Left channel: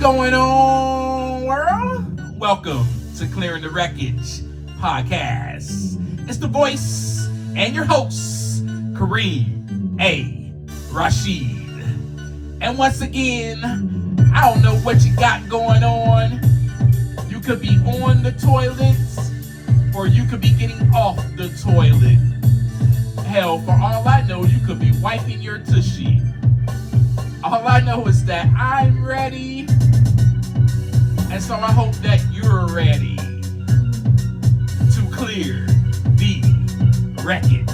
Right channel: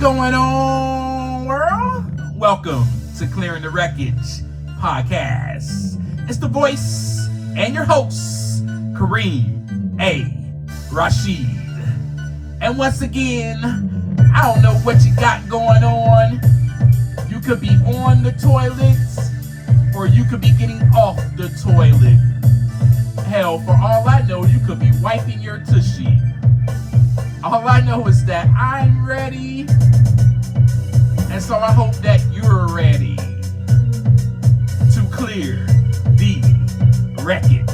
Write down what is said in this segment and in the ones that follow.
going on, world? Welcome to Clearing the Wreckage podcast. It's the voice and your host, Kareem A. Rashid. And once again, I don't know what you got going on. You could be on the toilet, or you could be getting off the toilet. Hell, for all I know, you could be wiping your tushy. All I know is that I'm ready, and so I hope that you're ready to clear the wreckage.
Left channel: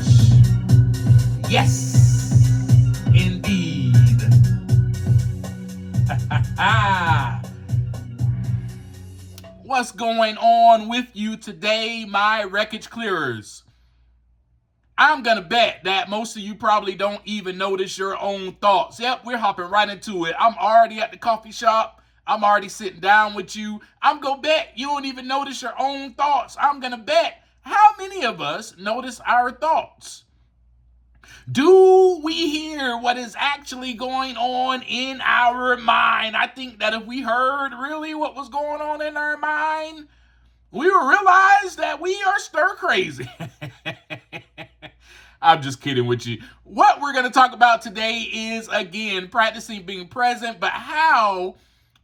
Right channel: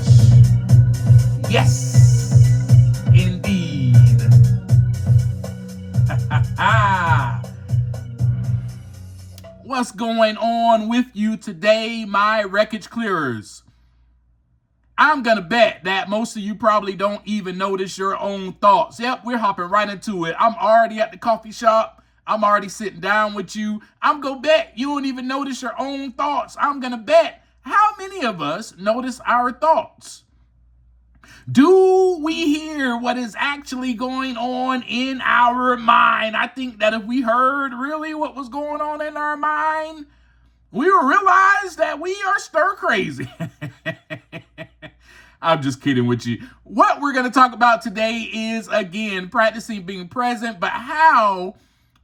Yes, indeed. What's going on with you today, my wreckage clearers? I'm going to bet that most of you probably don't even notice your own thoughts. Yep, we're hopping right into it. I'm already at the coffee shop. I'm already sitting down with you. I'm going to bet you don't even notice your own thoughts. I'm going to bet how many of us notice our thoughts? Do we hear what is actually going on in our mind? I think that if we heard really what was going on in our mind, we would realize that we are stir crazy. I'm just kidding with you. What we're going to talk about today is, again, practicing being present, but how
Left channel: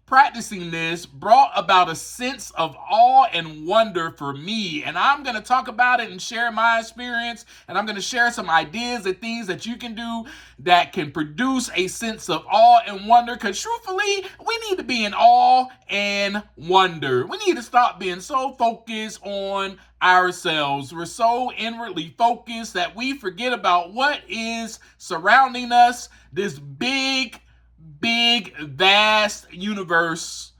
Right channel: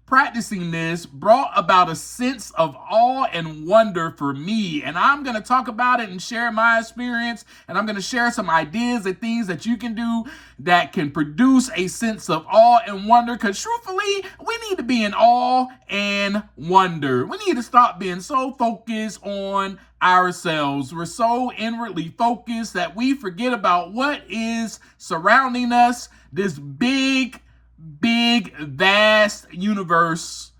practicing this brought about a sense of awe and wonder for me. And I'm going to talk about it and share my experience, and I'm going to share some ideas and things that you can do that can produce a sense of awe and wonder, because truthfully, we need to be in awe and wonder. We need to stop being so focused on ourselves. We're so inwardly focused that we forget about what is surrounding us, this big, vast universe,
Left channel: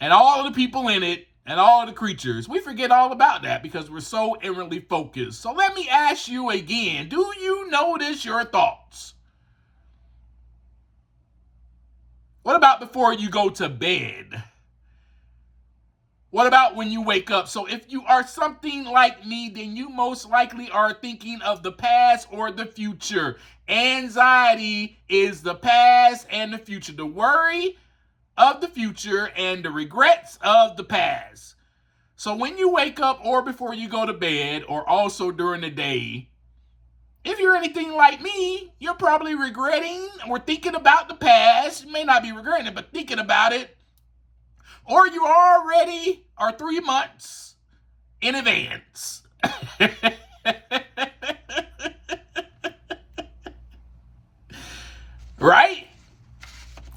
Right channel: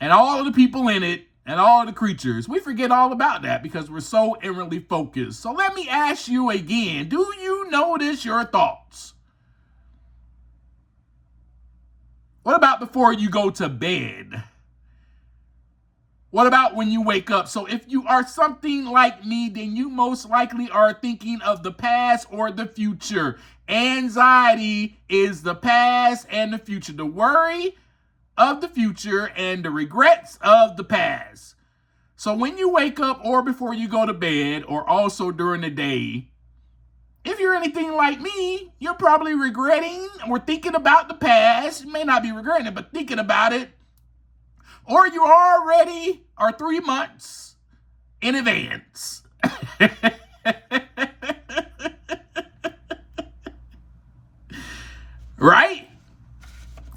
and all of the people in it, and all of the creatures. We forget all about that because we're so inwardly focused. So let me ask you again, do you notice your thoughts? What about before you go to bed? What about when you wake up? So if you are something like me, then you most likely are thinking of the past or the future. Anxiety is the past and the future. The worry of the future and the regrets of the past. So when you wake up or before you go to bed or also during the day, if you're anything like me, you're probably regretting or thinking about the past. You may not be regretting it, but thinking about it. Or you already are 3 months in advance. Right?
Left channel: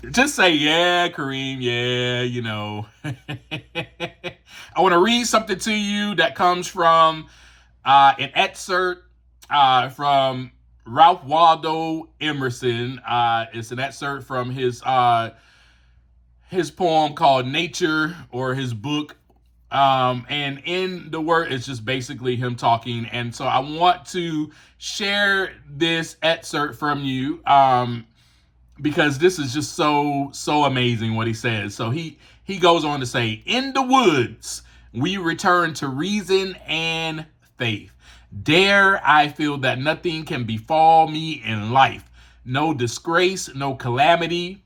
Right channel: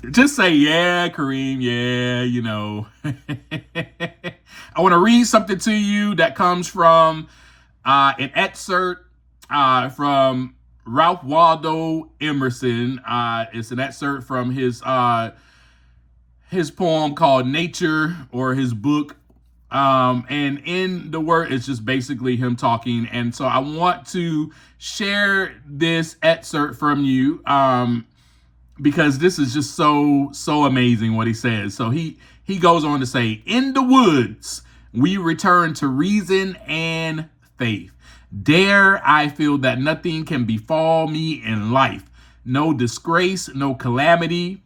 Just say, yeah, Kareem, yeah, you know. I want to read something to you that comes from an excerpt from Ralph Waldo Emerson. It's an excerpt from his poem called Nature, or his book. And in the word, it's just basically him talking. And so I want to share this excerpt from you, because this is just so amazing what he says. So he goes on to say, in the woods, we return to reason and faith. There I feel that nothing can befall me in life. No disgrace, no calamity,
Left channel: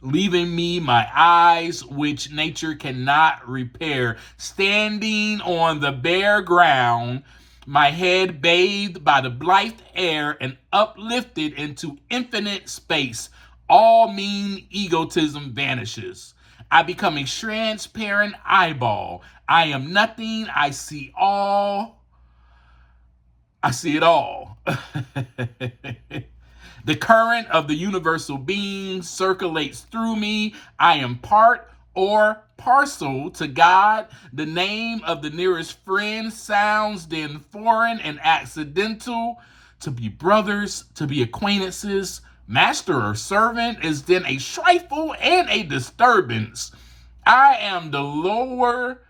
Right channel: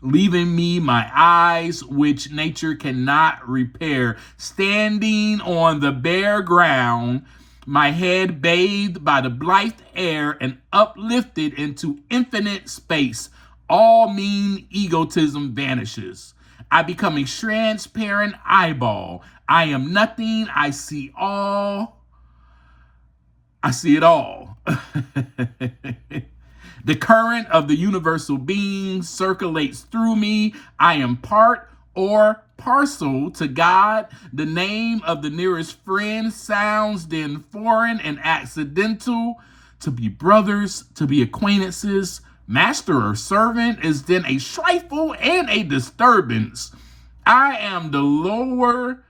leaving me my eyes, which nature cannot repair. Standing on the bare ground, my head bathed by the blithe air and uplifted into infinite space, all mean egotism vanishes. I become a transparent eyeball. I am nothing. I see all. I see it all. The current of the universal being circulates through me. I am part or parcel to God. The name of the nearest friend sounds then foreign and accidental. To be brothers, to be acquaintances, master or servant is then a trifle and a disturbance. I am the lover,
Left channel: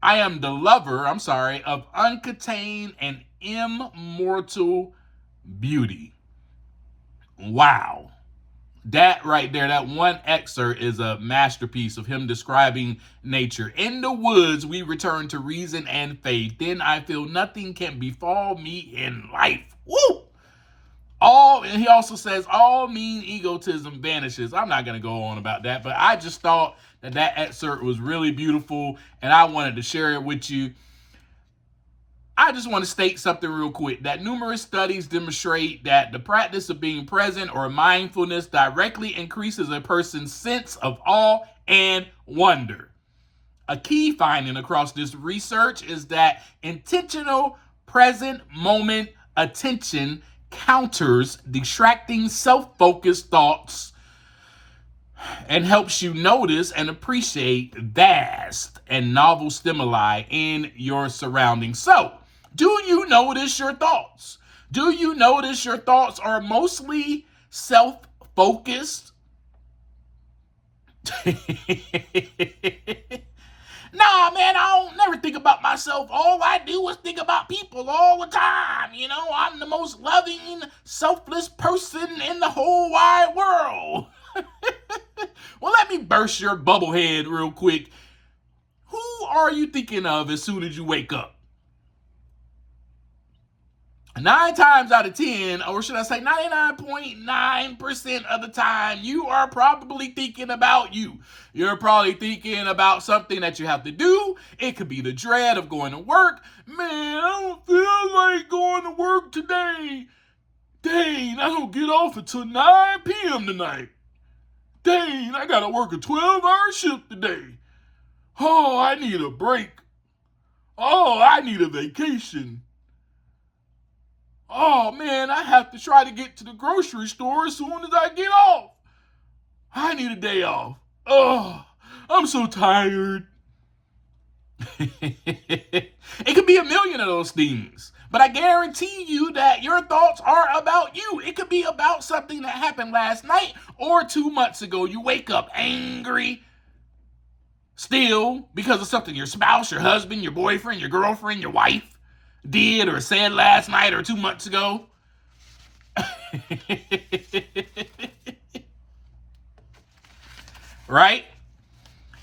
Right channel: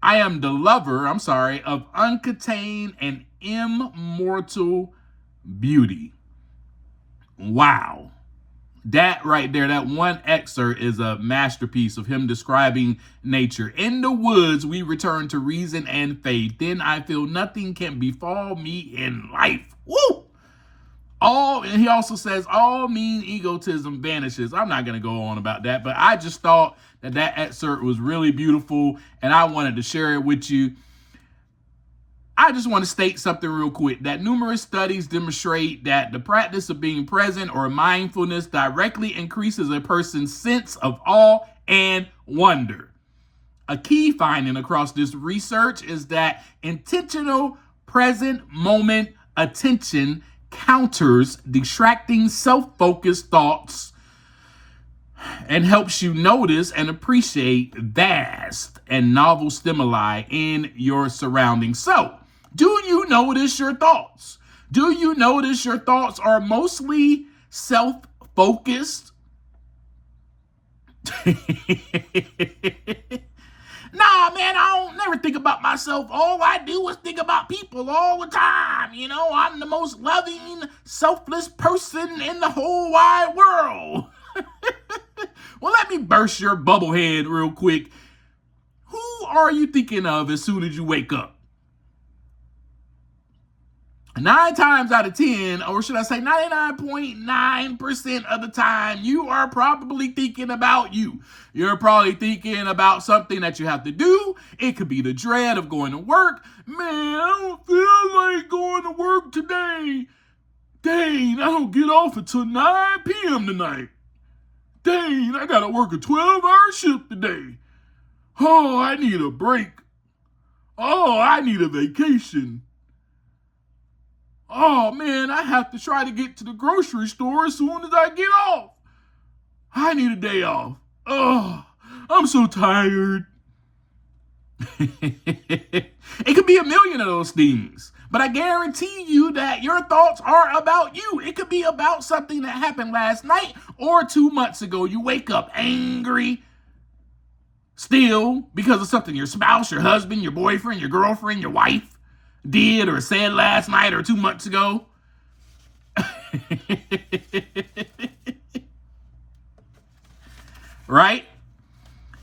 of uncontained and immortal beauty. Wow. That right there, that one excerpt is a masterpiece of him describing nature. In the woods, we return to reason and faith. Then I feel nothing can befall me in life. Woo! And he also says, all mean egotism vanishes. I'm not going to go on about that, but I just thought that excerpt was really beautiful, and I wanted to share it with you. I just want to state something real quick, that numerous studies demonstrate that the practice of being present or mindfulness directly increases a person's sense of awe and wonder. A key finding across this research is that intentional present moment attention counters distracting self-focused thoughts and helps you notice and appreciate vast and novel stimuli in your surroundings. So, do you notice your thoughts? Do you notice your thoughts are mostly self-focused? Nah, man, I don't never think about myself. All I do is think about people all the time. You know, I'm the most loving, selfless person in the whole wide world. Well, let me burst your bubble head real quick. Who are you thinking of as soon as you wake up? 9 times out of 10, or should I say 99.9% of the time, you are probably thinking about you. You're probably thinking about something that you have to do. It could be the dread of going to work. Man, I don't feel like going to work today. Dang, I don't get off until 9 p.m. tonight. Dang, I gotta work a 12-hour shift today. Oh, I need a break. Oh, I need a vacation. Oh, man, I have to try to get to the grocery store as soon as I get off. I need a day off. Oh, I'm so tired. It could be a million of those things, but I guarantee you that your thoughts are about you. It could be about something that happened last night or 2 months ago. You wake up angry still because of something your spouse, your husband, your boyfriend, your girlfriend, your wife did or said last night or 2 months ago. Right?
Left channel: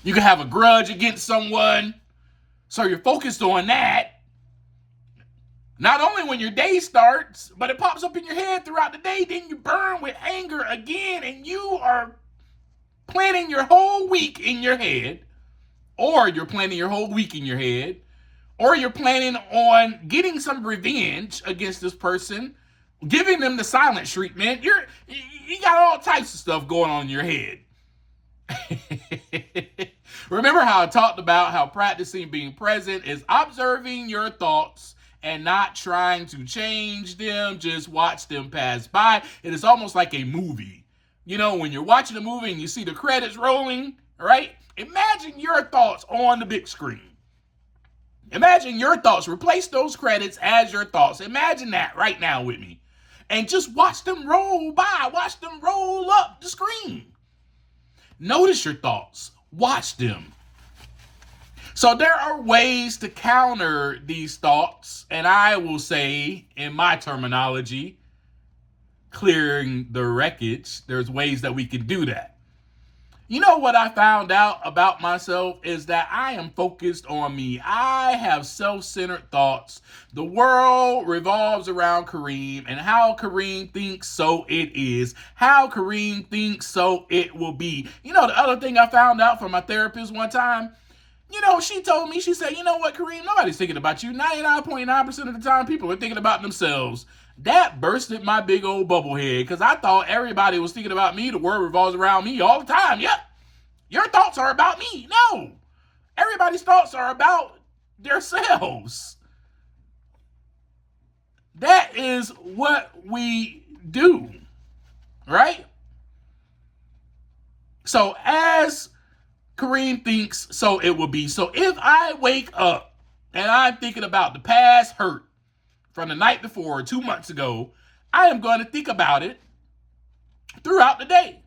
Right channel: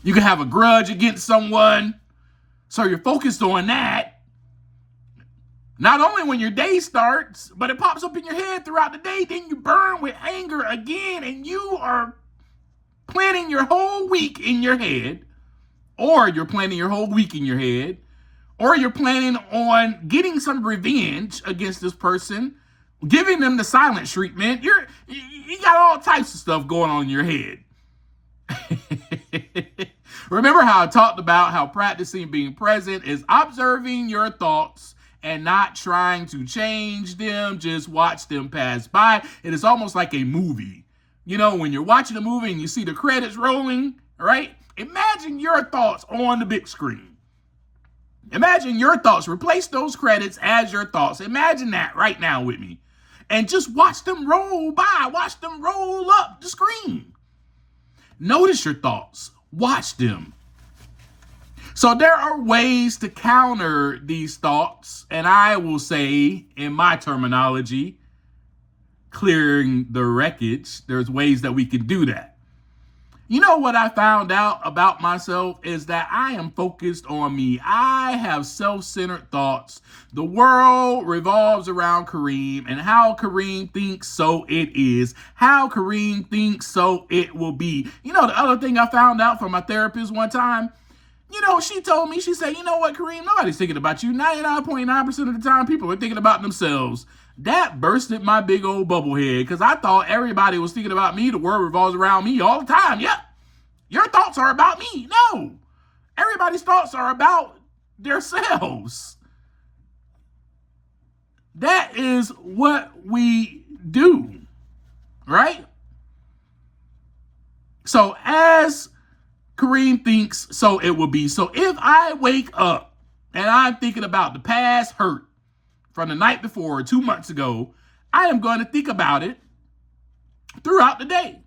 You can have a grudge against someone, so you're focused on that. Not only when your day starts, but it pops up in your head throughout the day. Then you burn with anger again, and you are planning your whole week in your head, or you're planning your whole week in your head, or you're planning on getting some revenge against this person, giving them the silent treatment. You got all types of stuff going on in your head. Remember how I talked about how practicing being present is observing your thoughts and not trying to change them, just watch them pass by. It is almost like a movie. You know, when you're watching a movie and you see the credits rolling, right? Imagine your thoughts on the big screen. Imagine your thoughts. Replace those credits as your thoughts. Imagine that right now with me. And just watch them roll by. Watch them roll up the screen. Notice your thoughts. Watch them. So there are ways to counter these thoughts. And I will say, in my terminology, clearing the wreckage. There's ways that we can do that. You know what I found out about myself is that I am focused on me. I have self-centered thoughts. The world revolves around Kareem, and how Kareem thinks, so it is. How Kareem thinks, so it will be. You know, the other thing I found out from my therapist one time, you know, she told me, she said, you know what, Kareem, nobody's thinking about you. 99.9% of the time, people are thinking about themselves. That bursted my big old bubble head because I thought everybody was thinking about me. The world revolves around me all the time. Yep. Your thoughts are about me. No. Everybody's thoughts are about themselves. That is what we do. Right? So as Kareem thinks, so it will be. So if I wake up and I'm thinking about the past hurt from the night before or 2 months ago, I am going to think about it throughout the day.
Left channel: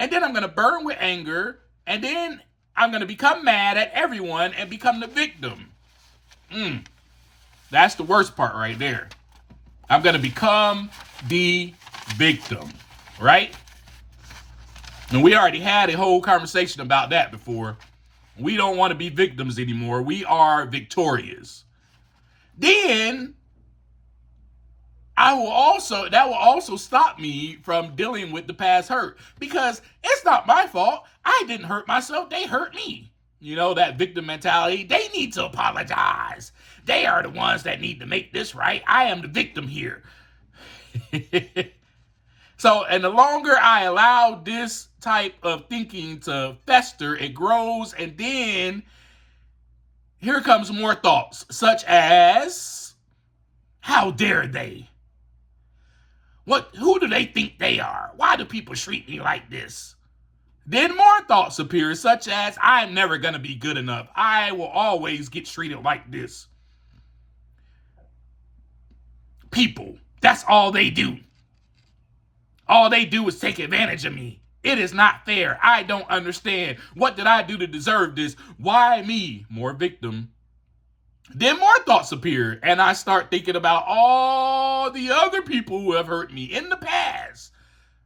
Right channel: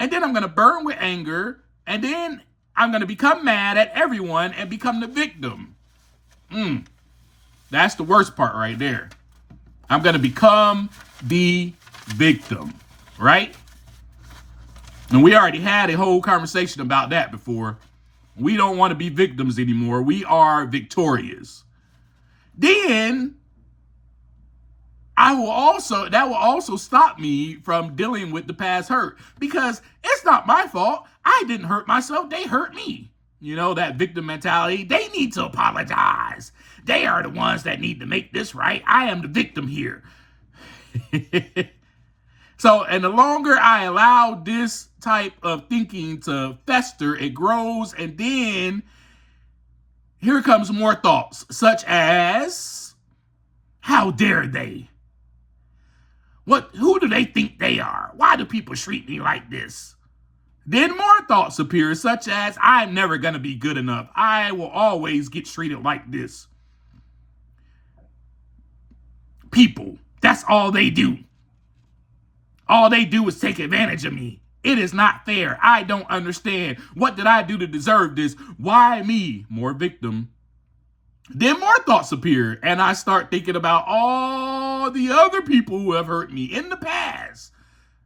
And then I'm going to burn with anger. And then I'm going to become mad at everyone and become the victim. That's the worst part right there. I'm going to become the victim, right? And we already had a whole conversation about that before. We don't want to be victims anymore. We are victorious. Then that will also stop me from dealing with the past hurt, because it's not my fault. I didn't hurt myself. They hurt me. You know, that victim mentality. They need to apologize. They are the ones that need to make this right. I am the victim here. So, and the longer I allow this type of thinking to fester, it grows, and then here comes more thoughts, such as, how dare they? Who do they think they are? Why do people treat me like this? Then more thoughts appear, such as, I'm never going to be good enough. I will always get treated like this. People, that's all they do. All they do is take advantage of me. It is not fair. I don't understand. What did I do to deserve this? Why me? More victim. Then more thoughts appear, and I start thinking about all the other people who have hurt me in the past.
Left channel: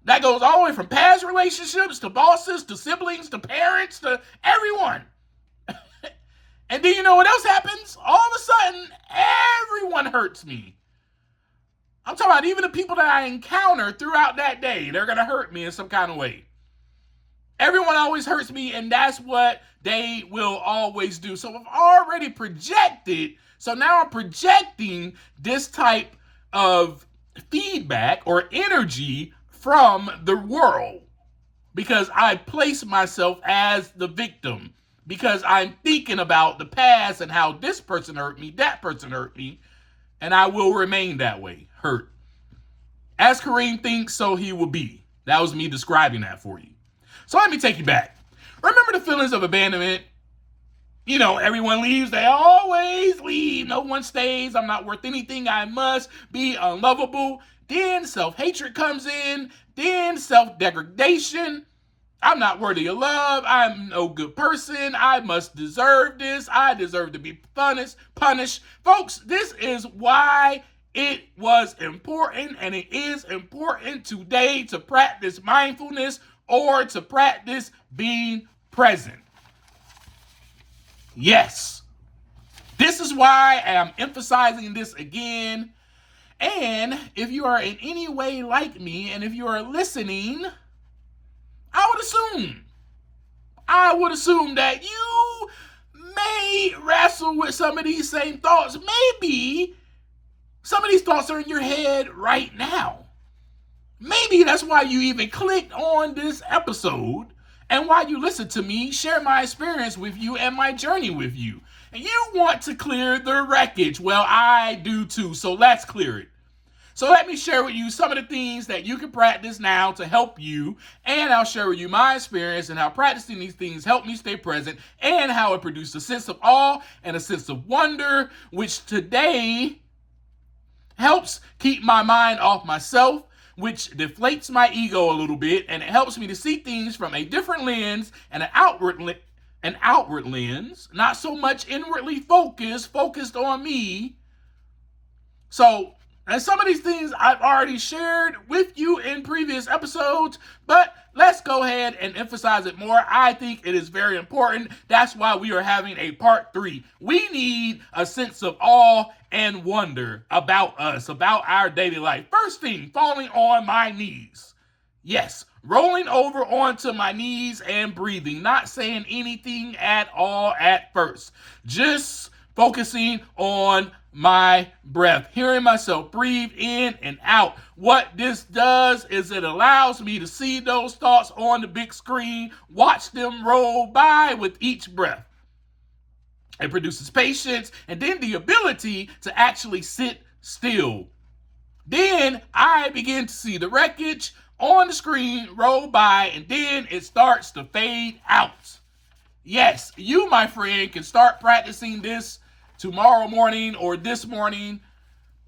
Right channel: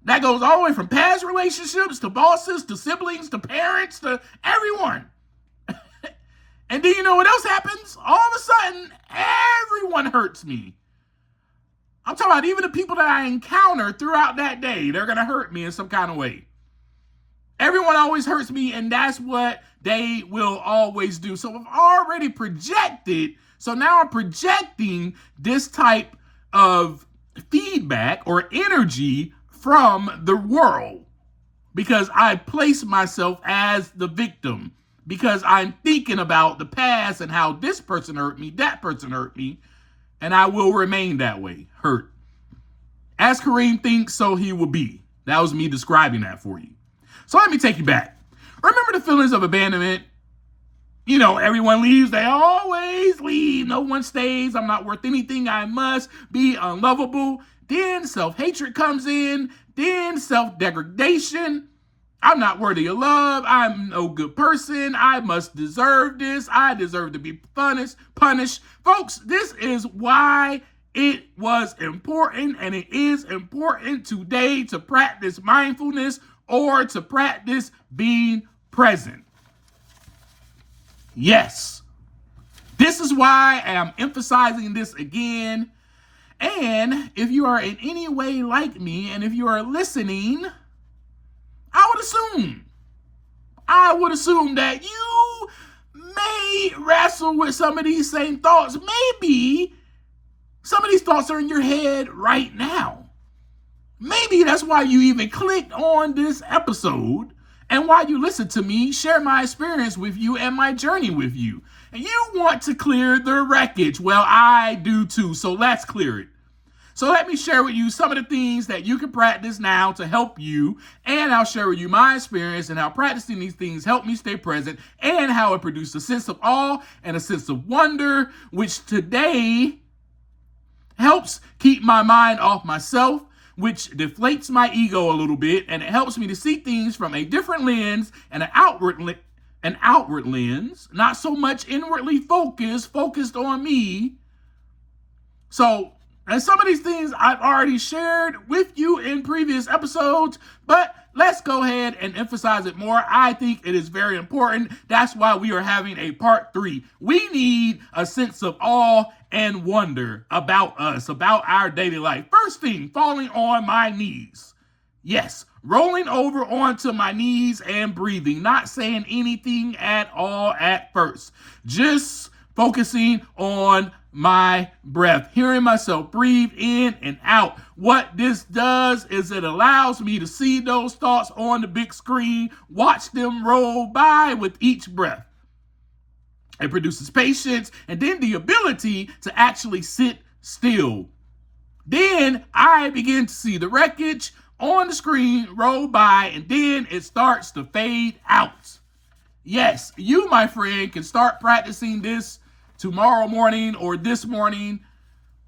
That goes all the way from past relationships to bosses to siblings to parents to everyone. And then you know what else happens? All of a sudden, everyone hurts me. I'm talking about even the people that I encounter throughout that day. They're going to hurt me in some kind of way. Everyone always hurts me, and that's what they will always do. So I've already projected. So now I'm projecting this type of feedback or energy from the world, because I place myself as the victim, because I'm thinking about the past and how this person hurt me, that person hurt me, and I will remain that way, hurt. As Kareem thinks, so he will be. That was me describing that for you. So let me take you back. Remember the feelings of abandonment? You know, everyone leaves. They always leave. No one stays. I'm not worth anything. I must be unlovable. Then self-hatred comes in. Then self-degradation. I'm not worthy of love. I'm no good person. I must deserve this. I deserve to be punished. Folks, this is why it was important, and it is important today, to practice mindfulness or to practice being present. Yes. This is why I am emphasizing this again. And if you are in any way like me, and if you are listening, I would assume that you may wrestle with some of these same thoughts. Maybe some of these thoughts are in your head right now. Maybe that's why you even clicked on this episode, and why you listen to me share my experience with you and my journey with you. And you want to clear the wreckage. Well, I do too, so let's clear it. So let me share with you some of the things that you can practice now to help you, and I'll share with you my experience and how practicing these things helped me stay present, and how it produced a sense of awe and a sense of wonder, which today helps keep my mind off myself, which deflates my ego a little bit, and it helps me to see things from a different lens and an outward lens, not so much inwardly focused on me. So, and some of these things I've already shared with you in previous episodes, but let's go ahead and emphasize it more. I think it is very important. That's why we are having a part 3. We need a sense of awe and wonder about us, about our daily life. First thing, falling on my knees. Yes, rolling over onto my knees and breathing, not saying anything at all at first. Just focusing on my breath, hearing myself breathe in and out. What this does is it allows me to see those thoughts on the big screen, watch them roll by with each breath. It produces patience and then the ability to actually sit still. Then I begin to see the wreckage on the screen roll by, and then it starts to fade out. Yes, you, my friend, can start practicing this tomorrow morning or this morning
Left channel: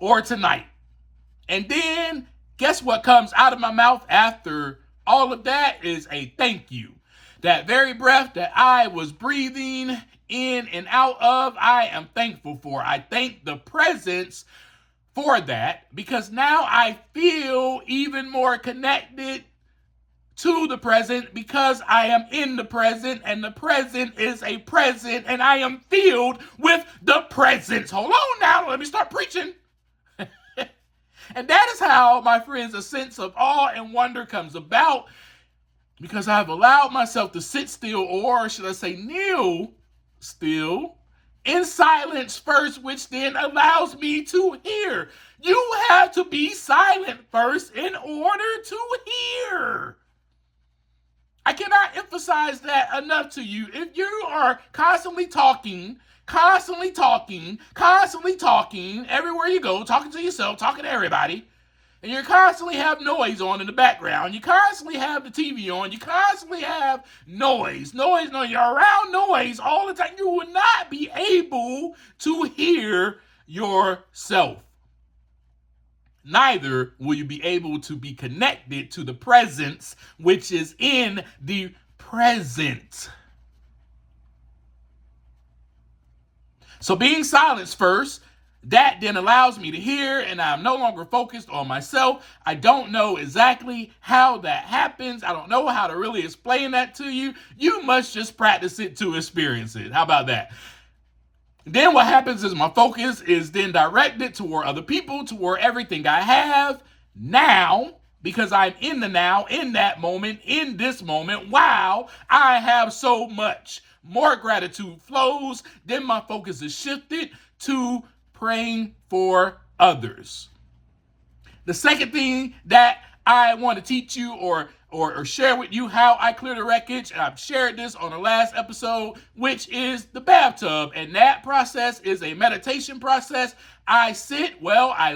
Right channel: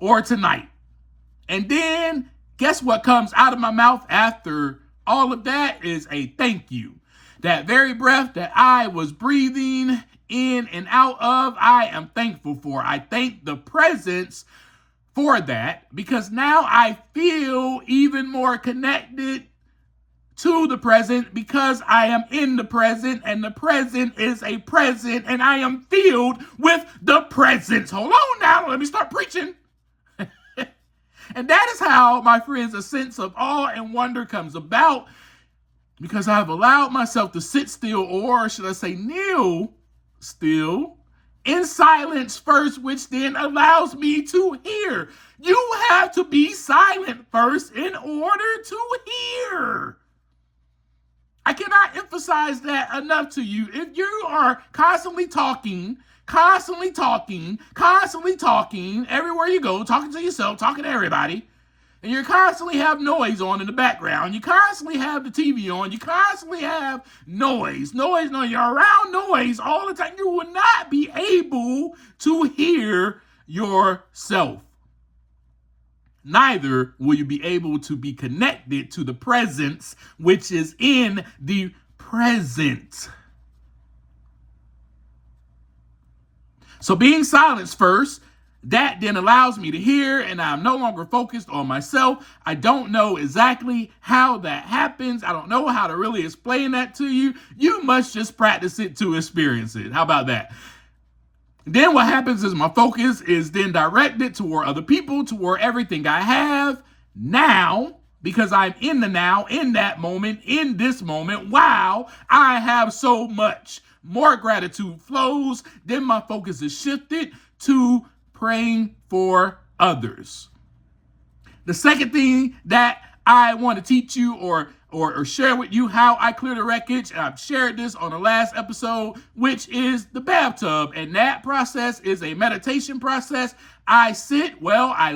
or tonight. And then guess what comes out of my mouth after all of that is a thank you. That very breath that I was breathing in and out of, I am thankful for. I thank the presence for that, because now I feel even more connected to the present, because I am in the present, and the present is a present, and I am filled with the presence. Hold on now, let me start preaching. And that is how, my friends, a sense of awe and wonder comes about, because I've allowed myself to sit still, or should I say kneel still, in silence first, which then allows me to hear. You have to be silent first in order to hear. I cannot emphasize that enough to you. If you are constantly talking, everywhere you go, talking to yourself, talking to everybody, and you constantly have noise on in the background, you constantly have the TV on, you constantly have noise, you're around noise all the time, you will not be able to hear yourself. Neither will you be able to be connected to the presence, which is in the present. So being silenced first, that then allows me to hear, and I'm no longer focused on myself. I don't know exactly how that happens. I don't know how to really explain that to you. You must just practice it to experience it. How about that? Then what happens is my focus is then directed toward other people, toward everything I have now, because I'm in the now, in that moment, in this moment. Wow, I have so much. More gratitude flows. Then my focus is shifted to praying for others. The second thing that I want to teach you or share with you how I clear the wreckage, and I've shared this on the last episode, which is the bathtub. And that process is a meditation process. I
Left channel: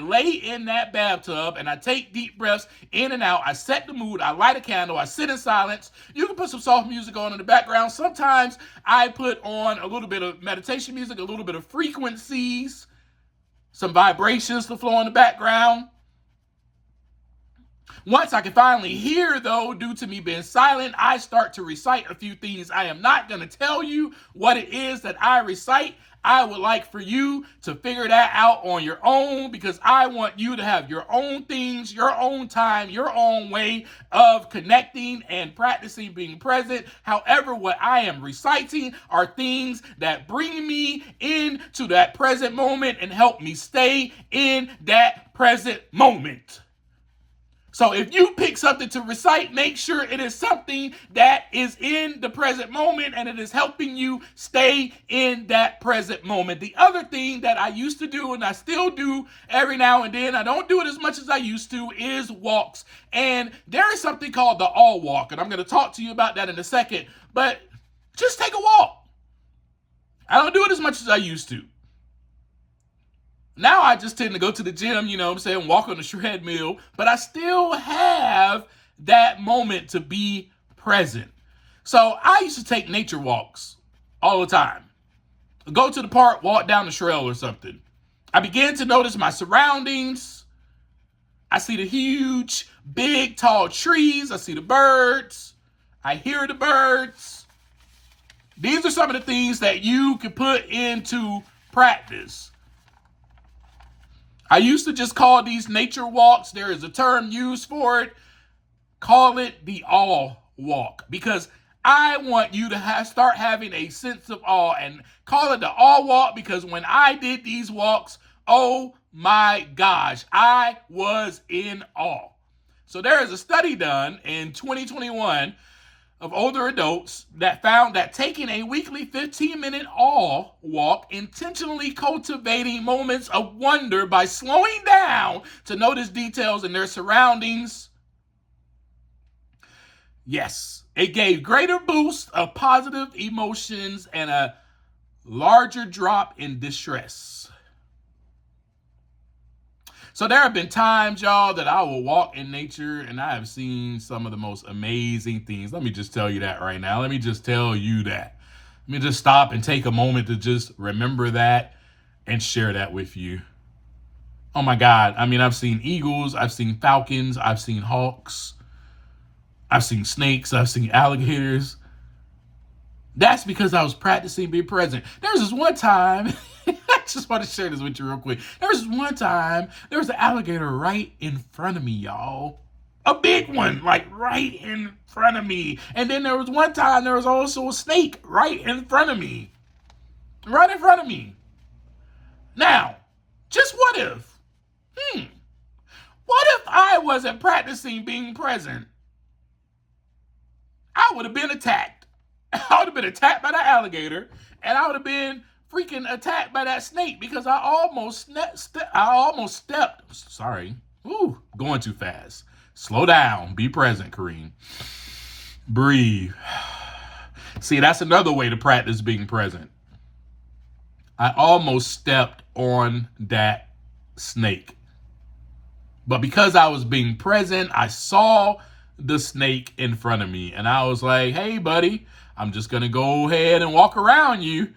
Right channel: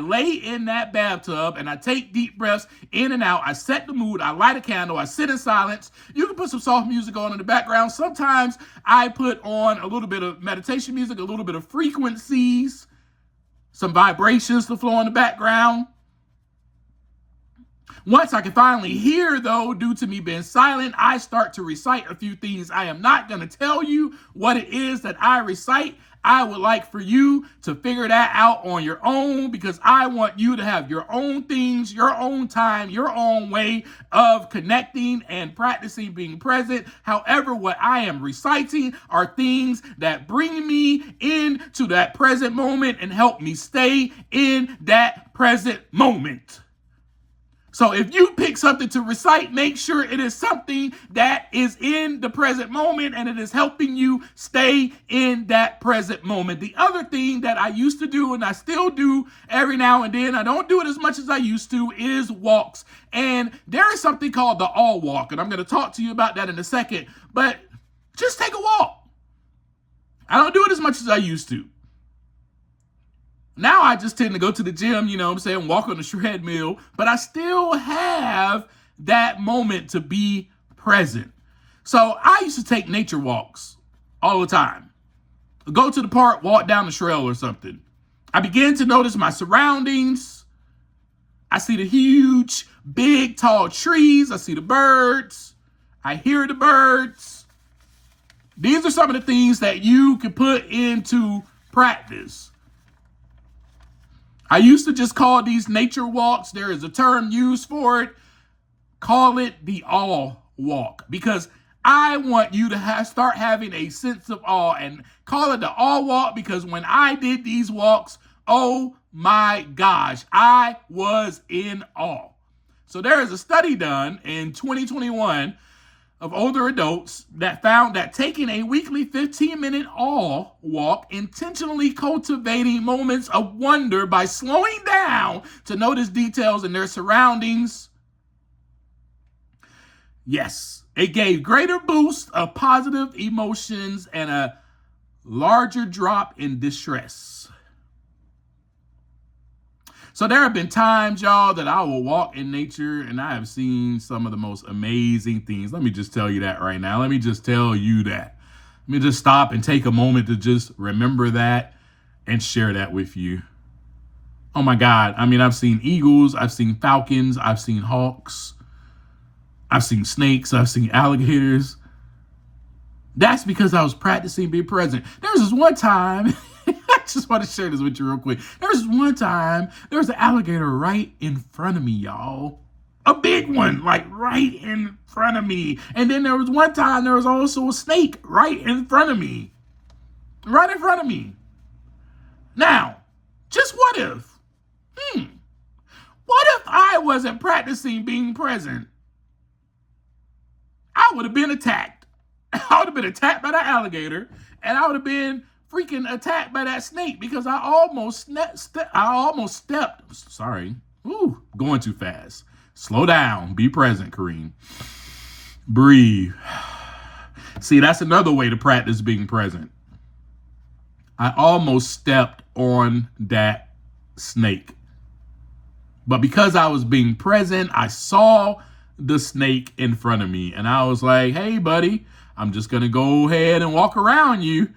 lay in that bathtub and I take deep breaths in and out. I set the mood. I light a candle. I sit in silence. You can put some soft music on in the background. Sometimes I put on a little bit of meditation music, a little bit of frequencies, some vibrations to flow in the background. Once I can finally hear, though, due to me being silent, I start to recite a few things. I am not going to tell you what it is that I recite. I would like for you to figure that out on your own, because I want you to have your own things, your own time, your own way of connecting and practicing being present. However, what I am reciting are things that bring me into that present moment and help me stay in that present moment. So if you pick something to recite, make sure it is something that is in the present moment and it is helping you stay in that present moment. The other thing that I used to do, and I still do every now and then, I don't do it as much as I used to, is walks. And there is something called the all walk, and I'm going to talk to you about that in a second. But just take a walk. I don't do it as much as I used to. Now I just tend to go to the gym, walk on the treadmill, but I still have that moment to be present. So I used to take nature walks all the time. Go to the park, walk down the trail or something. I begin to notice my surroundings. I see the huge, big, tall trees. I see the birds. I hear the birds. These are some of the things that you can put into practice. I used to just call these nature walks. There is a term used for it. Call it the awe walk, because I want you to start having a sense of awe, and call it the awe walk, because when I did these walks, oh my gosh, I was in awe. So there is a study done in 2021 of older adults that found that taking a weekly 15-minute awe walk, intentionally cultivating moments of wonder by slowing down to notice details in their surroundings, yes, it gave greater boost of positive emotions and a larger drop in distress. So there have been times, y'all, that I will walk in nature and I have seen some of the most amazing things. Let me just tell you that right now. Let me just tell you that. Let me just stop and take a moment to just remember that and share that with you. Oh my God. I've seen eagles, I've seen falcons, I've seen hawks, I've seen snakes, I've seen alligators. That's because I was practicing being present. There was this one time, I just want to share this with you real quick. There was one time, there was an alligator right in front of me, y'all. A big one, like right in front of me. And then there was one time, there was also a snake right in front of me. Right in front of me. Now, just what if? What if I wasn't practicing being present? I would have been attacked. I would have been attacked by that alligator, and I would have been freaking attacked by that snake because I almost stepped. Sorry. Ooh, going too fast. Slow down. Be present, Kareem. Breathe. See, that's another way to practice being present. I almost stepped on that snake. But because I was being present, I saw the snake in front of me. And I was like, hey, buddy, I'm just going to go ahead and walk around you.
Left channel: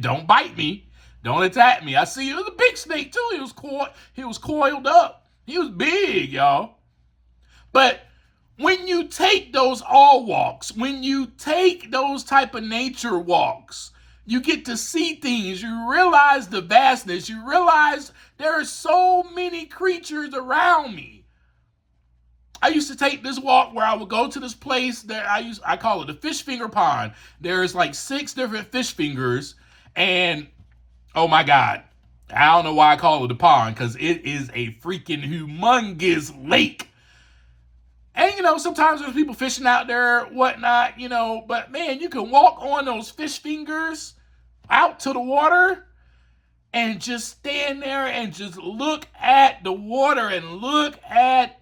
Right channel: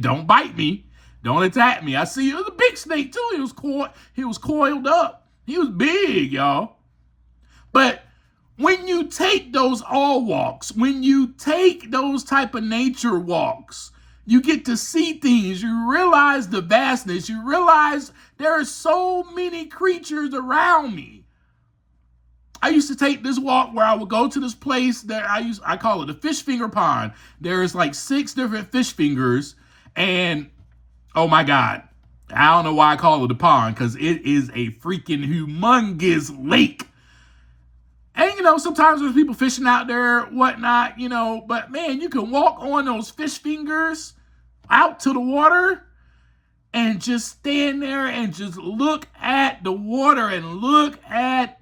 Don't bite me. Don't attack me. I see it was a big snake, too. He was coiled up. He was big, y'all. But when you take those all walks, when you take those type of nature walks, you get to see things. You realize the vastness. You realize there are so many creatures around me. I used to take this walk where I would go to this place that I call it a fish finger pond. There's like 6 different fish fingers, and oh my God, I don't know why I call it a pond, because it is a freaking humongous lake. And, sometimes there's people fishing out there, whatnot, but man, you can walk on those fish fingers out to the water and just stand there and just look at the water and look at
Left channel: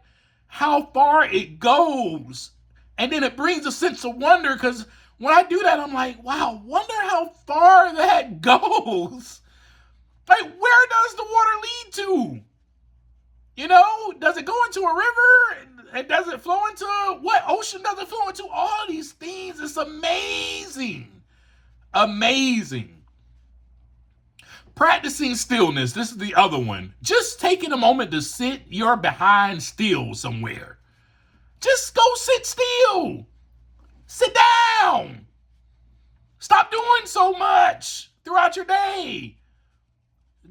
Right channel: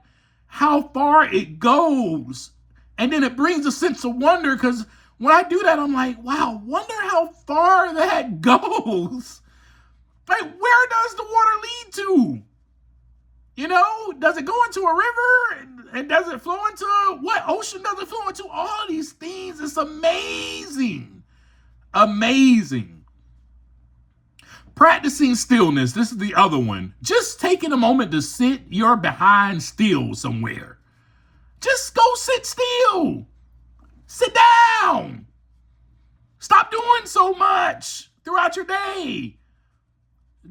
how far it goes. And then it brings a sense of wonder, because when I do that, I'm like, wow, wonder how far that goes. Like, where does the water lead to? Does it go into a river? And does it flow into what ocean does it flow into? All these things. It's amazing. Amazing. Practicing stillness. This is the other one. Just taking a moment to sit your behind still somewhere. Just go sit still. Sit down. Stop doing so much throughout your day.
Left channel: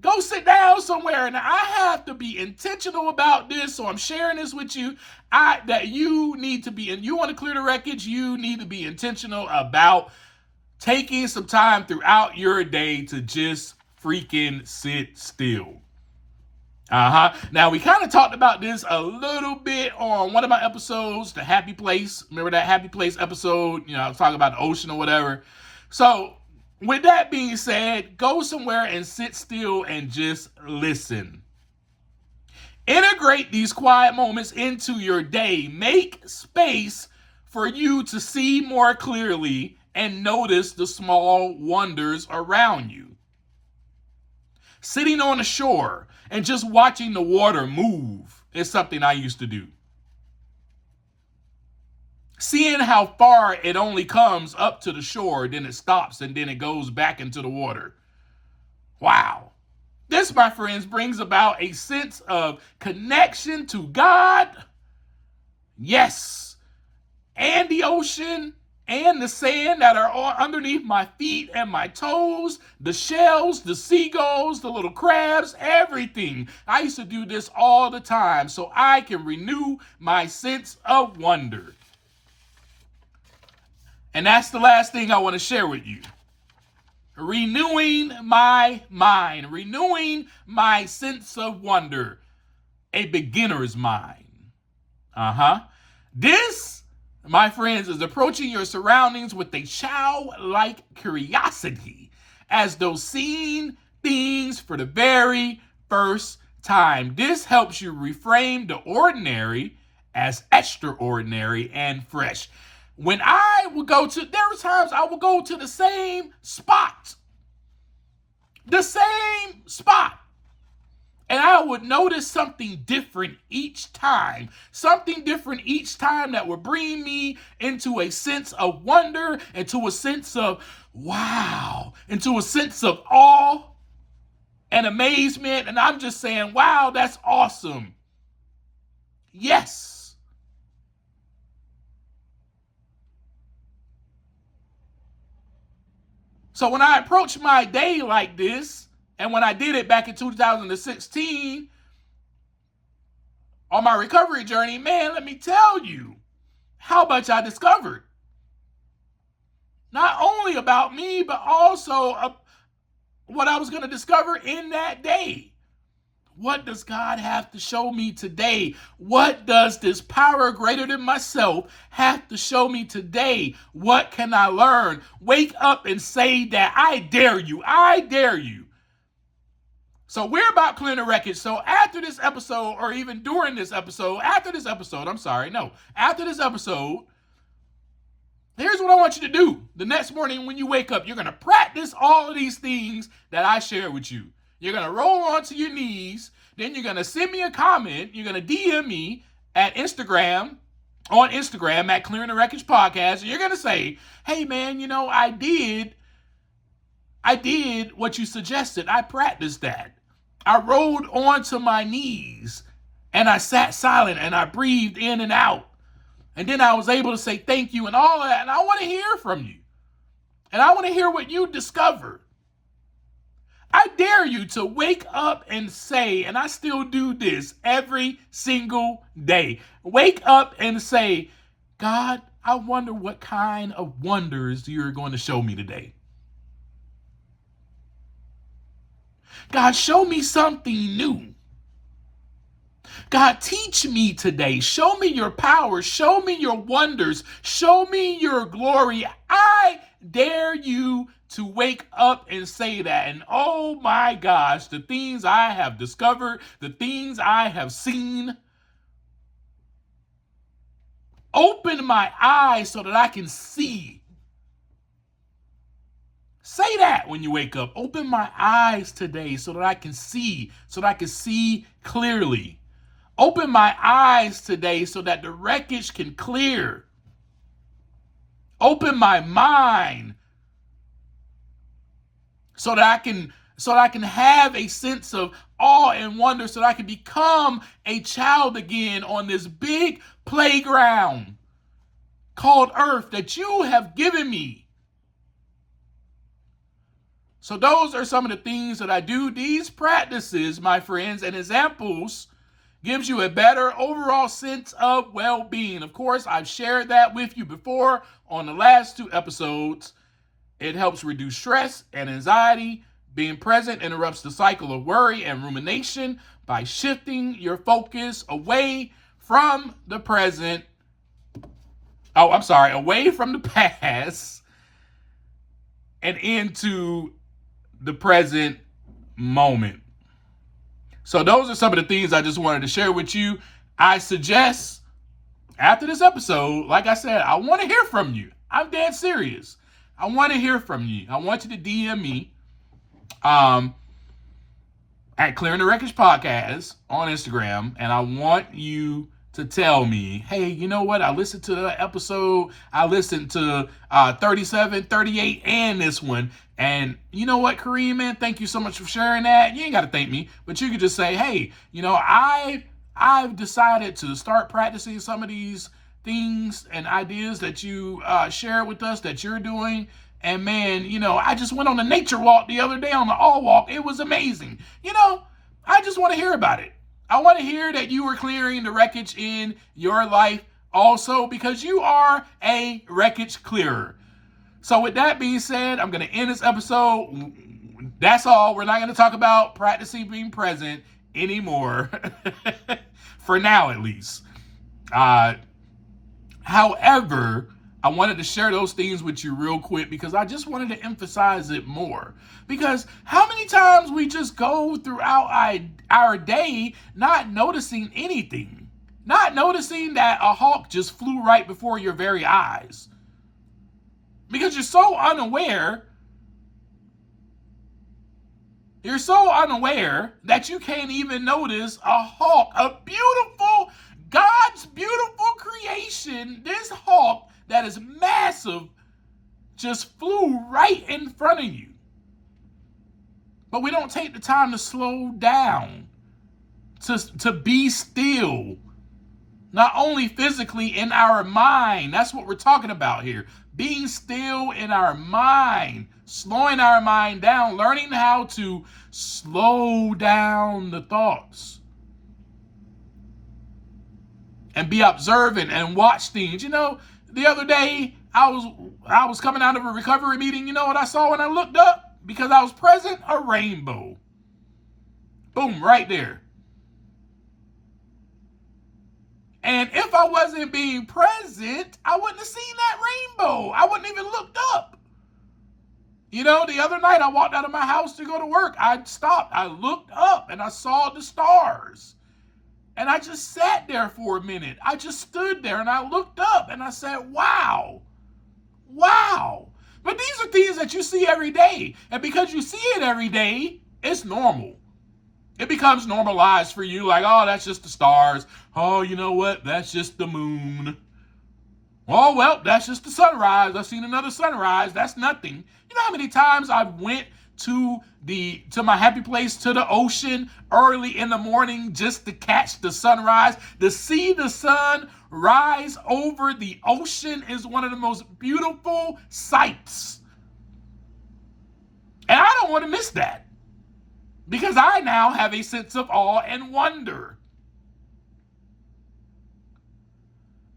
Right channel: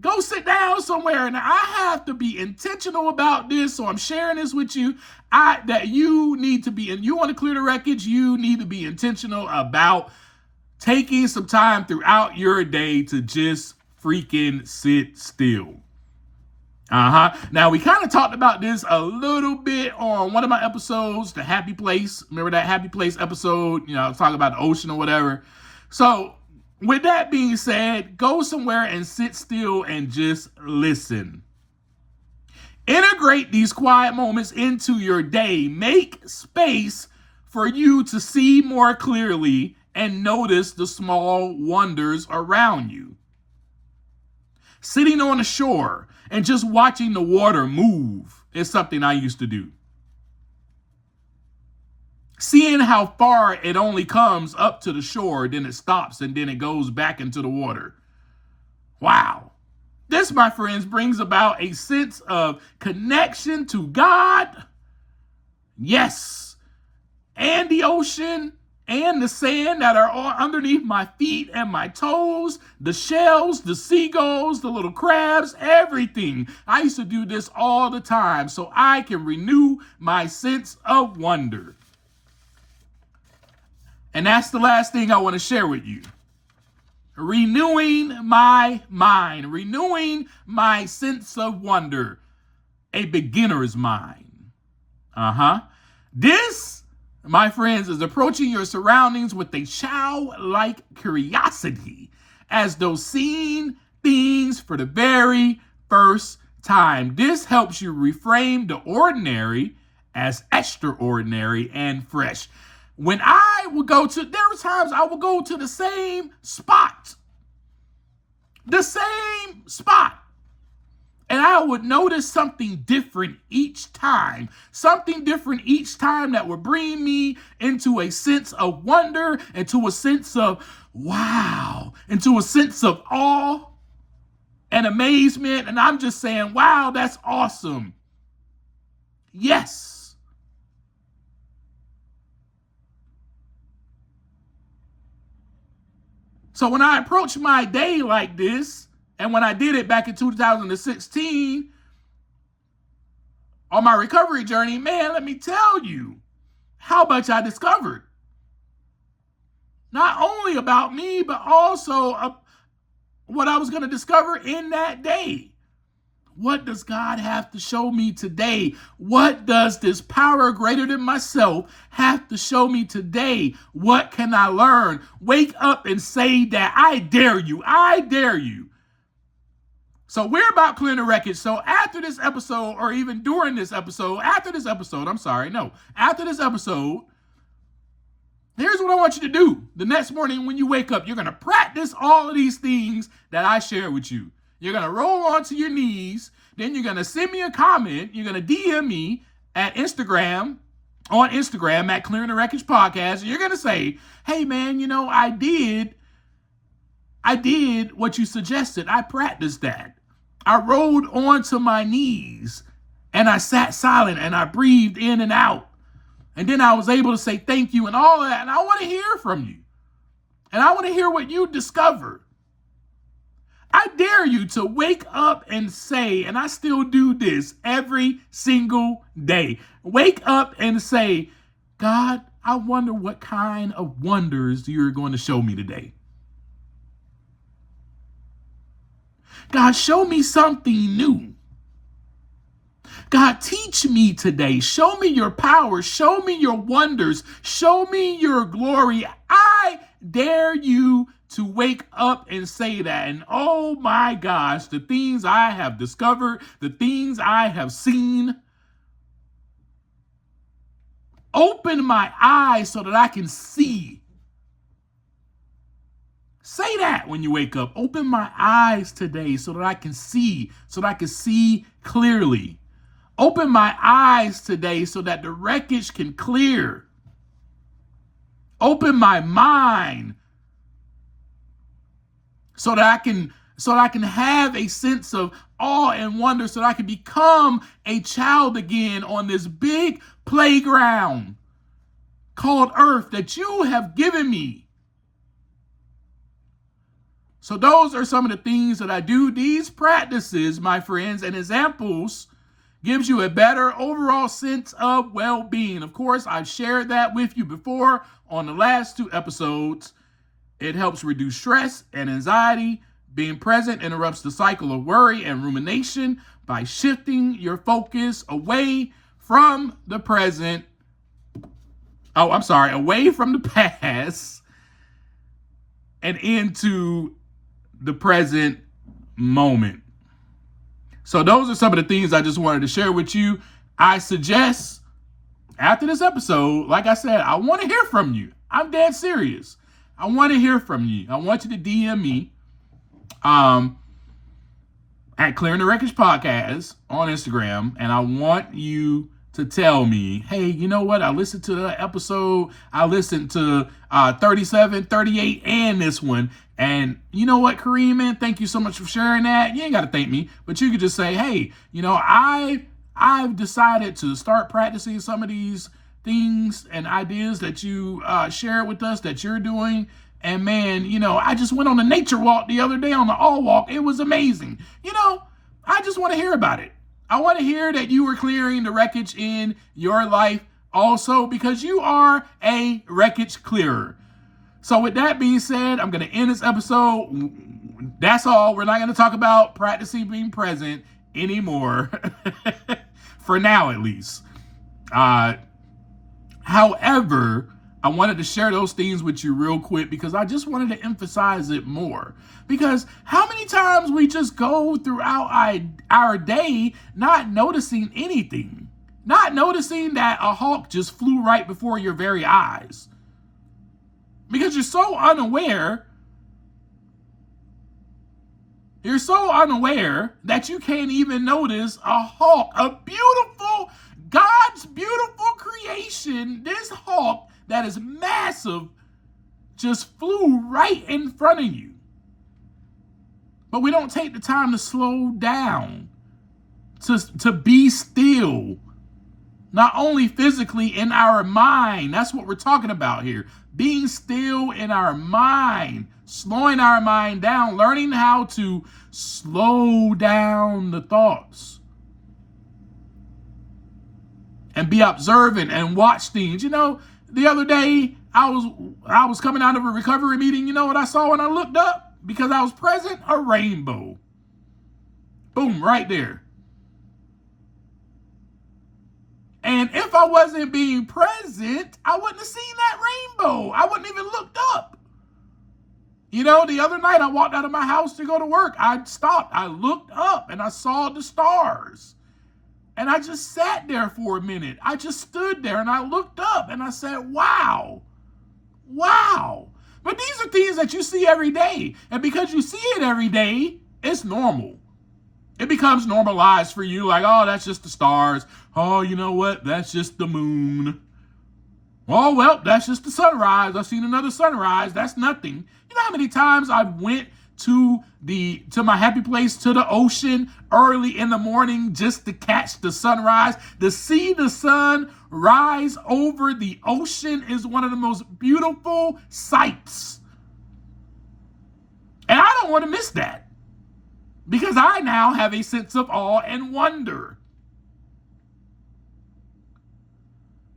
Go sit down somewhere. And I have to be intentional about this, so I'm sharing this with you. That you need to be, and you want to clear the wreckage, you need to be intentional about taking some time throughout your day to just freaking sit still. Now, we kind of talked about this a little bit on one of my episodes, The Happy Place. Remember that Happy Place episode? I was talking about the ocean or whatever. So, with that being said, go somewhere and sit still and just listen. Integrate these quiet moments into your day. Make space for you to see more clearly and notice the small wonders around you. Sitting on the shore and just watching the water move is something I used to do. Seeing how far it only comes up to the shore, then it stops, and then it goes back into the water. Wow. This, my friends, brings about a sense of connection to God. Yes. And the ocean and the sand that are underneath my feet and my toes, the shells, the seagulls, the little crabs, everything. I used to do this all the time so I can renew my sense of wonder. And that's the last thing I want to share with you. Renewing my mind, renewing my sense of wonder, a beginner's mind. This, my friends, is approaching your surroundings with a childlike curiosity, as though seeing things for the very first time. This helps you reframe the ordinary as extraordinary and fresh. When there were times I would go to the same spot, and I would notice something different each time that would bring me into a sense of wonder, into a sense of wow, into a sense of awe and amazement. And I'm just saying, wow, that's awesome. Yes. So when I approach my day like this, and when I did it back in 2016 on my recovery journey, man, let me tell you how much I discovered. Not only about me, but also what I was going to discover in that day. What does God have to show me today? What does this power greater than myself have to show me today? What can I learn? Wake up and say that. I dare you. I dare you. So we're about clearing the wreckage. So after this episode, or even during this episode, after this episode, here's what I want you to do. The next morning when you wake up, you're going to practice all of these things that I share with you. You're going to roll onto your knees. Then you're going to send me a comment. You're going to DM me on Instagram at Clearing the Wreckage Podcast. And you're going to say, hey, man, I did what you suggested. I practiced that. I rolled onto my knees and I sat silent and I breathed in and out. And then I was able to say thank you and all of that. And I want to hear from you. And I want to hear what you discovered. I dare you to wake up and say, and I still do this every single day. Wake up and say, God, I wonder what kind of wonders you're going to show me today. God, show me something new. God, teach me today. Show me your power. Show me your wonders. Show me your glory. I dare you to wake up and say that. And oh my gosh, the things I have discovered, the things I have seen, open my eyes so that I can see. Say that when you wake up. Open my eyes today so that I can see, clearly. Open my eyes today so that the wreckage can clear. Open my mind so that I can have a sense of awe and wonder, so that I can become a child again on this big playground called Earth that you have given me. So those are some of the things that I do. These practices, my friends, and examples gives you a better overall sense of well-being. Of course, I've shared that with you before on the last 2 episodes. It helps reduce stress and anxiety. Being present interrupts the cycle of worry and rumination by shifting your focus away from the past and into the present moment. So those are some of the things I just wanted to share with you. I suggest after this episode, like I said, I want to hear from you. I'm dead serious. I want to hear from you. I want you to DM me at Clearing the Wreckage Podcast on Instagram, and I want you to tell me, hey, you know what? I listened to the episode. I listened to 37, 38, and this one. And you know what, Kareem, man? Thank you so much for sharing that. You ain't got to thank me, but you could just say, hey, I've decided to start practicing some of these things and ideas that you share with us that you're doing. And man, I just went on a nature walk the other day on the all walk. It was amazing. I just want to hear about it. I want to hear that you are clearing the wreckage in your life also, because you are a wreckage clearer. So with that being said, I'm going to end this episode. That's all. We're not going to talk about practicing being present anymore. For now, at least. However, I wanted to share those things with you real quick because I just wanted to emphasize it more. Because how many times we just go throughout our day not noticing anything, not noticing that a hawk just flew right before your very eyes. Because you're so unaware that you can't even notice a hawk, God's beautiful creation, this hawk that is massive just flew right in front of you. But we don't take the time to slow down, to be still, not only physically, in our mind. That's what we're talking about here. Being still in our mind, slowing our mind down, learning how to slow down the thoughts and be observant and watch things. The other day I was coming out of a recovery meeting. You know what I saw when I looked up? Because I was present? A rainbow. Boom, right there. And if I wasn't being present, I wouldn't have seen that rainbow. I wouldn't even looked up. You know, the other night I walked out of my house to go to work. I stopped. I looked up and I saw the stars. And I just sat there for a minute. I just stood there and I looked up and I said, wow. Wow. But these are things that you see every day. And because you see it every day, it's normal. It becomes normalized for you. Like, oh, that's just the stars. Oh, you know what? That's just the moon. Oh, well, that's just the sunrise. I've seen another sunrise. That's nothing. You know how many times I've went to my happy place, to the ocean early in the morning just to catch the sunrise? To see the sun rise over the ocean is one of the most beautiful sights. And I don't want to miss that, because I now have a sense of awe and wonder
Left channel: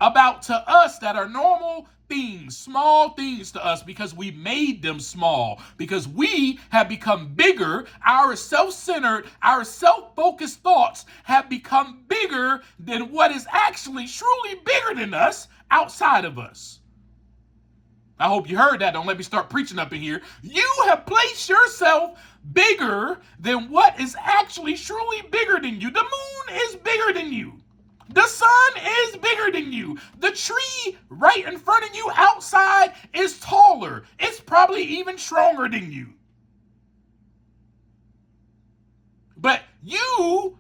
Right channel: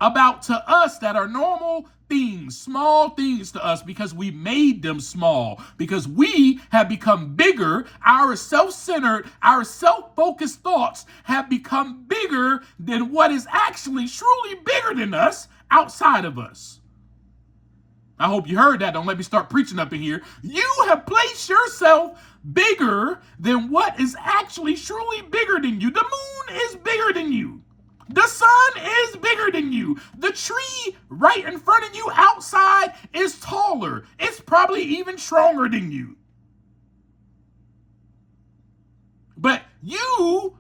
about, to us, that are normal things, small things to us, because we made them small, because we have become bigger. Our self-centered, our self-focused thoughts have become bigger than what is actually truly bigger than us outside of us. I hope you heard that. Don't let me start preaching up in here. You have placed yourself bigger than what is actually truly bigger than you. The moon is bigger than you. The sun is bigger than you. The tree right in front of you outside is taller. It's probably even stronger than you. But you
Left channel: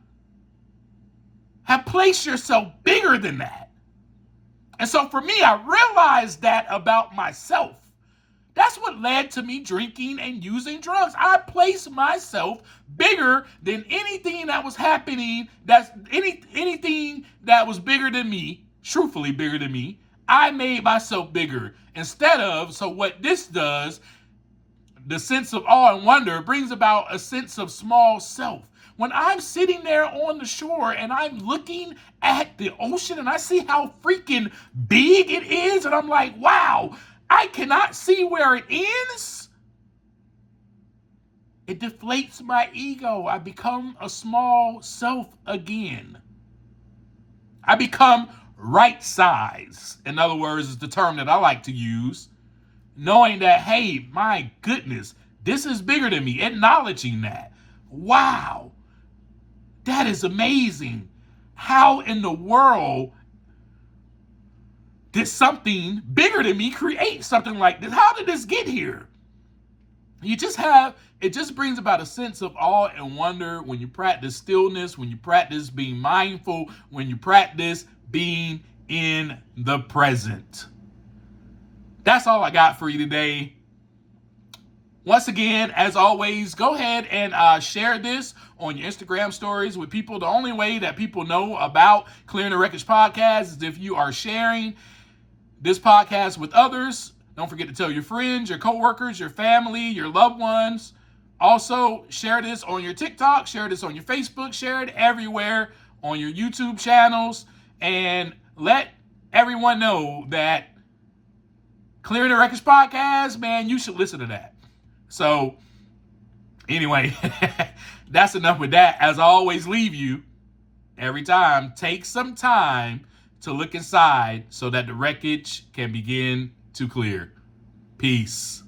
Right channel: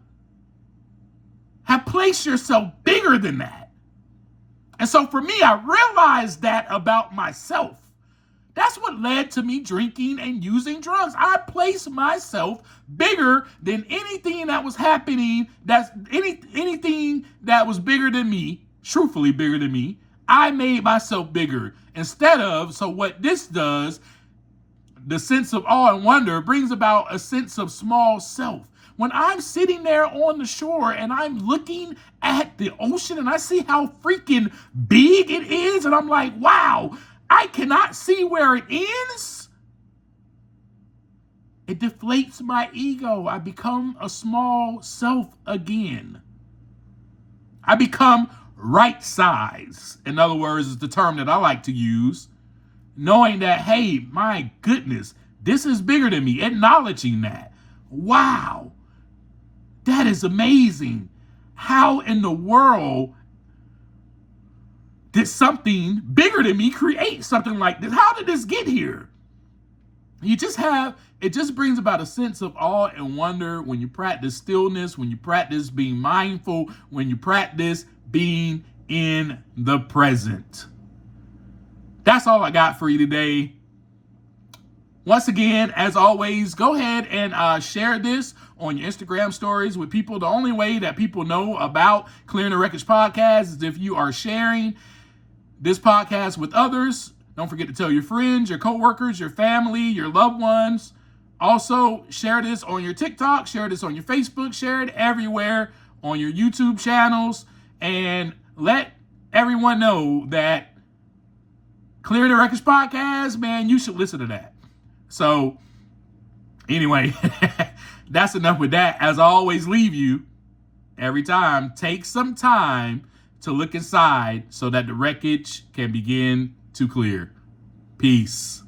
have placed yourself bigger than that. And so for me, I realized that about myself. That's what led to me drinking and using drugs. I placed myself bigger than anything that was happening. That's anything that was bigger than me, truthfully bigger than me. I made myself bigger. Instead of, so what this does, the sense of awe and wonder brings about a sense of small self. When I'm sitting there on the shore and I'm looking at the ocean and I see how freaking big it is, and I'm like, wow, I cannot see where it ends. It deflates my ego. I become a small self again. I become right size. In other words, is the term that I like to use. Knowing that, hey, my goodness, this is bigger than me. Acknowledging that. Wow. That is amazing. How in the world did something bigger than me create something like this? How did this get here? It just brings about a sense of awe and wonder when you practice stillness, when you practice being mindful, when you practice being in the present. That's all I got for you today. Once again, as always, go ahead and share this on your Instagram stories with people. The only way that people know about Clearing the Wreckage podcast is if you are sharing this podcast with others. Don't forget to tell your friends, your coworkers, your family, your loved ones. Also, share this on your TikTok, share this on your Facebook, share it everywhere on your YouTube channels, and let everyone know that Clearing the Wreckage podcast, man, you should listen to that. So, anyway, that's enough with that. As I always leave you, every time, take some time to look inside so that the wreckage can begin to clear. Peace.